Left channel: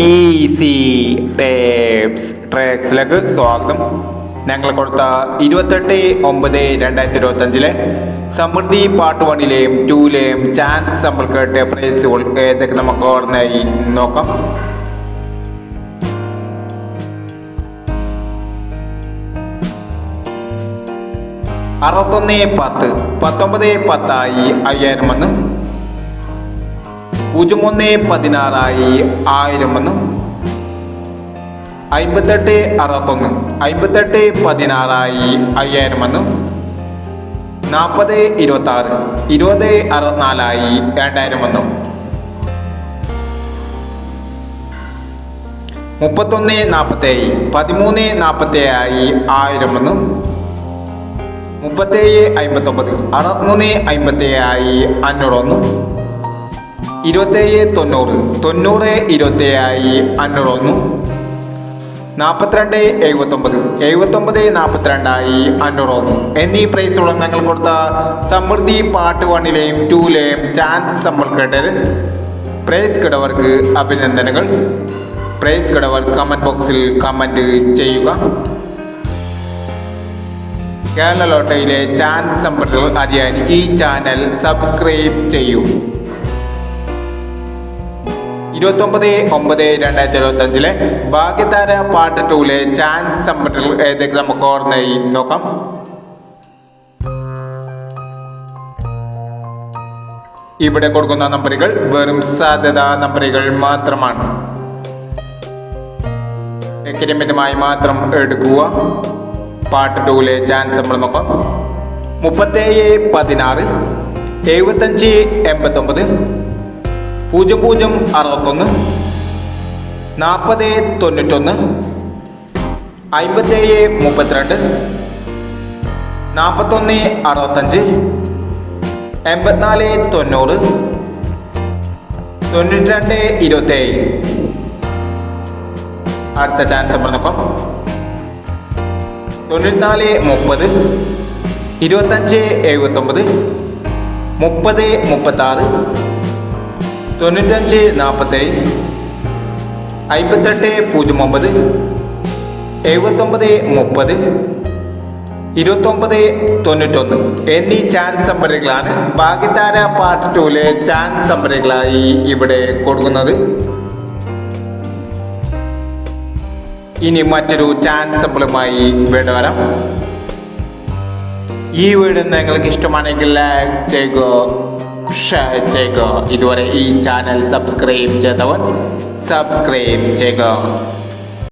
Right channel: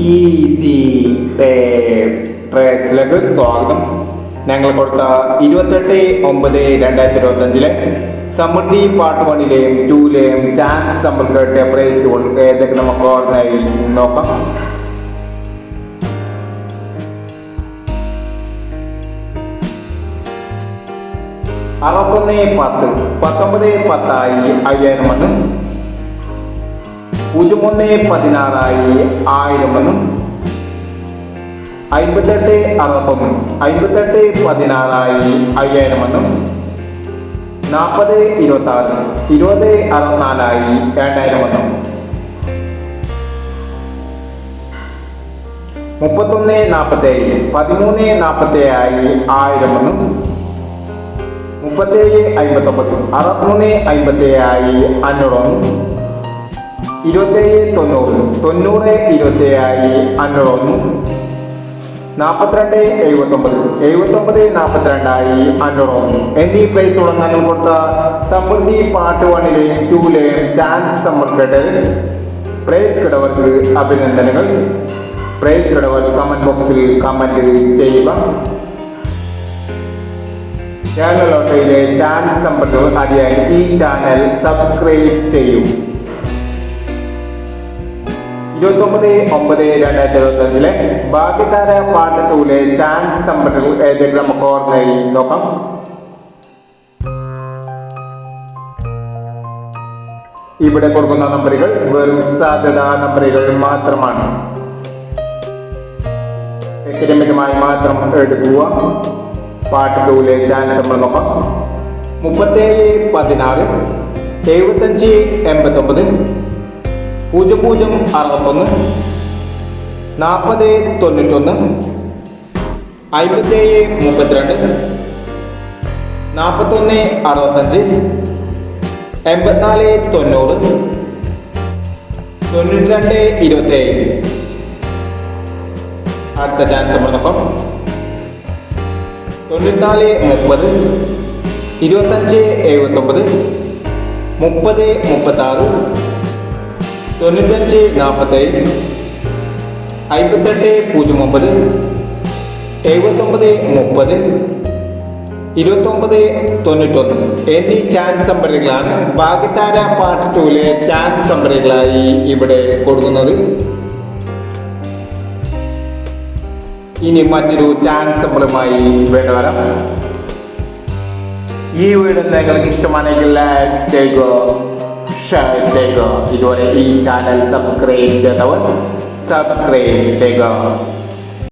Easy tapes ട്രേക്സിലേക്ക് സ്വാഗതം. ഞങ്ങൾ കൊടുത്ത ഇരുപത്തെട്ട് ഒമ്പത് രണ്ടായിരത്തി ഇരുപത്തഞ്ചിലെ സമൃദ്ധി പാർട്ട് വണ്ണിലെയും ടൂലെയും ചാൻസ് നമ്മൾ കേട്ട പ്രൈസുകൾ ഏതൊക്കെ നമുക്ക് ഓർമ്മയായി നോക്കാം. അറുപത്തൊന്ന് പത്ത് പത്തൊമ്പത് പത്തായി അയ്യായിരം വന്ന് പൂജ്യം ഒന്ന് പതിനാറായി ആയിരം വന്നു അമ്പത്തെട്ട് അറുപത്തൊന്ന് അമ്പത്തെട്ട് പതിനാറായി അയ്യായിരം വന്നു നാൽപ്പത് ഇരുപത്തി ആറ് ഇരുപത് അറുപത്തിനാലായി രണ്ടായിരം എന്നും മുപ്പത്തൊന്ന് നാൽപ്പത്തേഴ് പതിമൂന്ന് നാൽപ്പത്തേഴായി ആയിരം വന്നു മുപ്പത്തേഴ് അമ്പത്തൊമ്പത് അറുപത്തിമൂന്ന് അമ്പത്തേഴായി അഞ്ഞൂറ് വന്നു ഇരുപത്തേഴ് തൊണ്ണൂറ്. തൊണ്ണൂറ് ഇരുപത്തേഴായി അഞ്ഞൂറ് ഒന്ന് നാൽപ്പത്തിരണ്ട് എഴുപത്തൊമ്പത്. എഴുപത്തൊമ്പത് നാൽപ്പത്തിരണ്ടായി അഞ്ഞൂറ് ഒന്ന് എന്നീ പ്രൈസ് ഞങ്ങൾ കൊടുത്ത സമൃദ്ധി പാർട്ട് വണ്ണിലെയും ടൂലെയും ചാൻസ് നമ്മൾ കേട്ടത് പ്രൈസ് കിടവർക്ക് അഭിനന്ദനങ്ങൾ. പ്രൈസ് കിടവർ കമന്റ് ബോക്സിൽ കമന്റ് ചെയ്യുക. കേരള ലോട്ടറിയിലെ ചാൻസ് സമ്പർക്കങ്ങൾ അറിയാൻ ഈ ചാനൽ സബ്സ്ക്രൈബ് ചെയ്യൂ. ഇരുപത്തൊമ്പത് ഒമ്പത് രണ്ടായിരത്തി ഇരുപത്തി അഞ്ചിലെ ഭാഗ്യതാര പാട്ട് ടൂലെ ചാൻസ് ഏതൊക്കെ നമുക്ക് ഓർമ്മയായി നോക്കാം. ഇവിടെ കൊടുക്കുന്ന നമ്പറുകൾ വെറും സാധ്യതാ നമ്പറുകൾ മാത്രമാണ്. എക്രിമെന്റുമായി മാത്രം എടുക്കുക. പാട്ട് ടൂലെ ചാൻസ് നമ്മൾ നോക്കാം. മുപ്പത്തേഴ് പതിനാറ് എഴുപത്തഞ്ച് എൺപത്തൊമ്പത് പൂജ്യം പൂജ്യം അറുപത്തൊന്ന് നാൽപ്പത് തൊണ്ണൂറ്റൊന്ന് അമ്പത്തേഴ് മുപ്പത്തിരണ്ട് നാൽപ്പത്തൊന്ന് അറുപത്തഞ്ച് എൺപത്തിനാല് തൊണ്ണൂറ് തൊണ്ണൂറ്റി രണ്ട് ഇരുപത്തേഴ്. അടുത്ത ചാൻസ് പറഞ്ഞപ്പം തൊണ്ണൂറ്റിനാല് മുപ്പത് ഇരുപത്തഞ്ച് എഴുപത്തൊമ്പത് മുപ്പത് മുപ്പത്താറ് തൊണ്ണൂറ്റഞ്ച് നാൽപ്പത്തേഴ് അമ്പത്തെട്ട് പൂജ്യം ഒമ്പത് എഴുപത്തൊമ്പത് മുപ്പത് ഇരുപത്തൊമ്പത് തൊണ്ണൂറ്റൊന്ന്. എന്നീ ചാൻസ് നമ്പറുകളാണ് ഭാഗ്യതാര പാർട്ട് ടൂലെ ചാൻസ് നമ്പറുകളായി ഇവിടെ കൊടുക്കുന്നത്. ഇനി മറ്റൊരു ചാൻസ് നമ്പറുമായി വേണ്ടി വരാം. ഈ വീഡിയോ നിങ്ങൾക്ക് ഇഷ്ടമാണെങ്കിൽ ലൈക്ക് ചെയ്യുക ഷെയർ ചെയ്യുക. ഇതുവരെ ഈ ചാനൽ സബ്സ്ക്രൈബ് ചെയ്തവൻ സബ്സ്ക്രൈബ് ചെയ്യുക.